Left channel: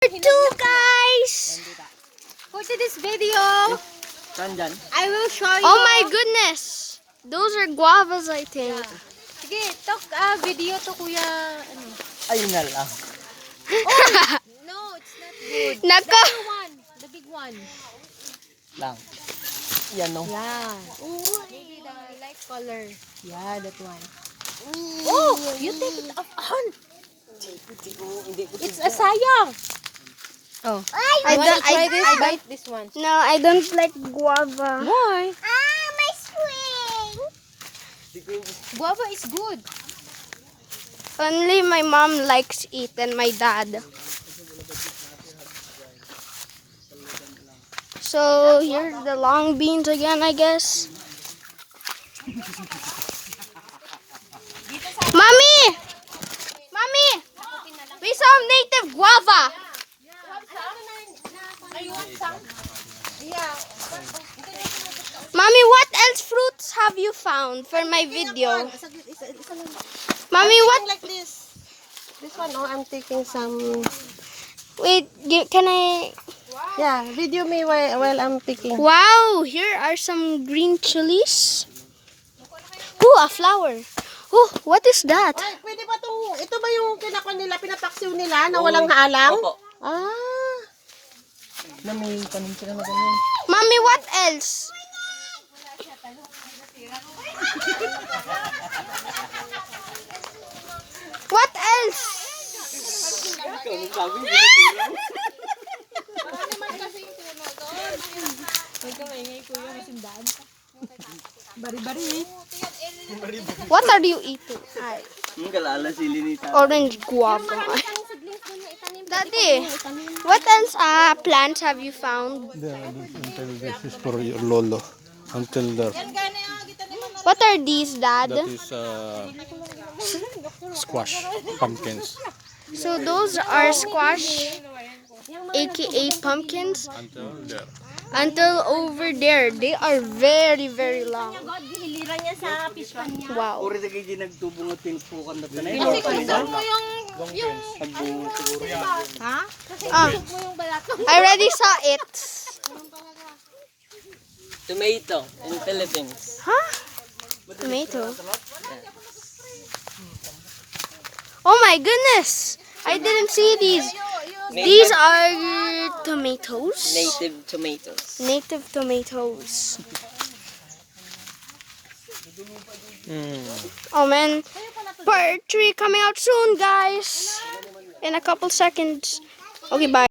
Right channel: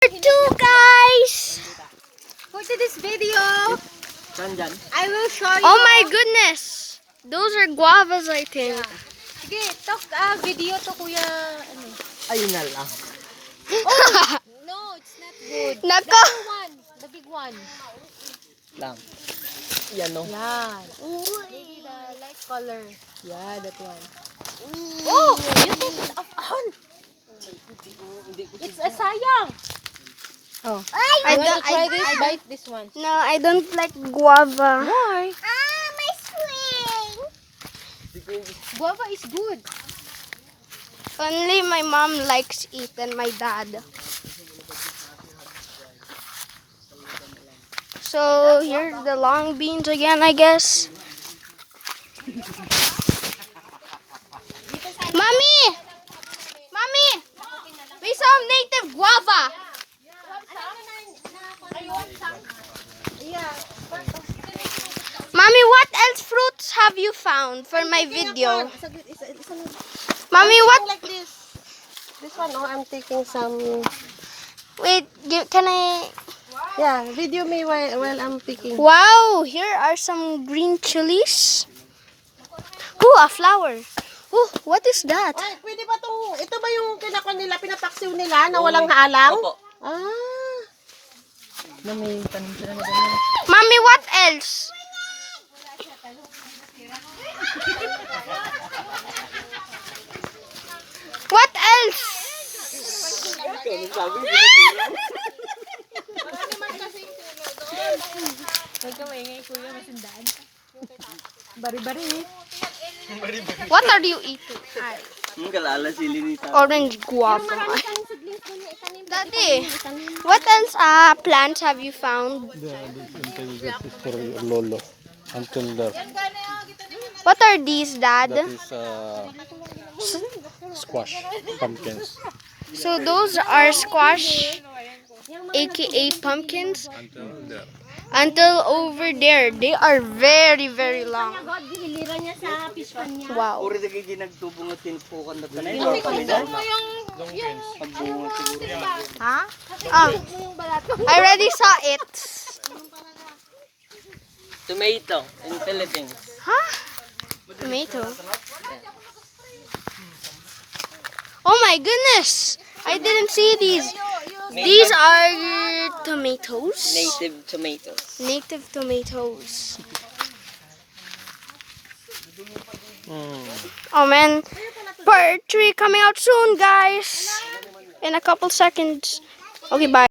Two guys. For this video, I will show you. Oh my goodness. Those are guavas, I think. Sige, talk video to kuya. Ano? Ayun na lang. No, it's not good. Nako. The other one, the big one. Lang. Yan no. Yan. Maybe the light color. Yeah, that one. Oh, you take it off. It's a sayang. Oh. I don't. Bite this one. No, I don't like guava. Why? My swing. Guava is good. Only my mom likes it and my dad. So here's the long beans again, I guess. Mommy! Mommy! We saw native guava. Mommy, what else fruits have you found for my video? Mommy, what? Like this. This one, oh, I'm taking some. Wait, can I? Yeah, video me while I'm picking. Wow, here are some green chilies. Ooh, a flower. Ooh, what is that? Ay, pwede ba to? Ito ba yung pinakon nila, pinapaksiw nila na walang haalang? Opo. Ah. Na may tanim sila na ganyan. Mommy, what else? What else? Bari-bari. What are you eating? Ay, Yung kalala sili nita. orange guava. Daddy, what else plants have you found? This intelligence is for your lolo. Until that, What are these, Dad? that is squash pumpkins. So those are squash, aka pumpkins. Until there. Until over there, they are very, very long. Wow. Uri na kayo nagtubong at tinupukan na tanay. Kasi kung pagbungo siguro. Ha? I already saw it. Tomato in Philippines. Huh? Tomato. Oh my goodness! I didn't see these. These are tomatoes. Native tomatoes. Native tomatoes. Oh man, part 3 coming out soon, guys. In a couple seconds. Okay, bye.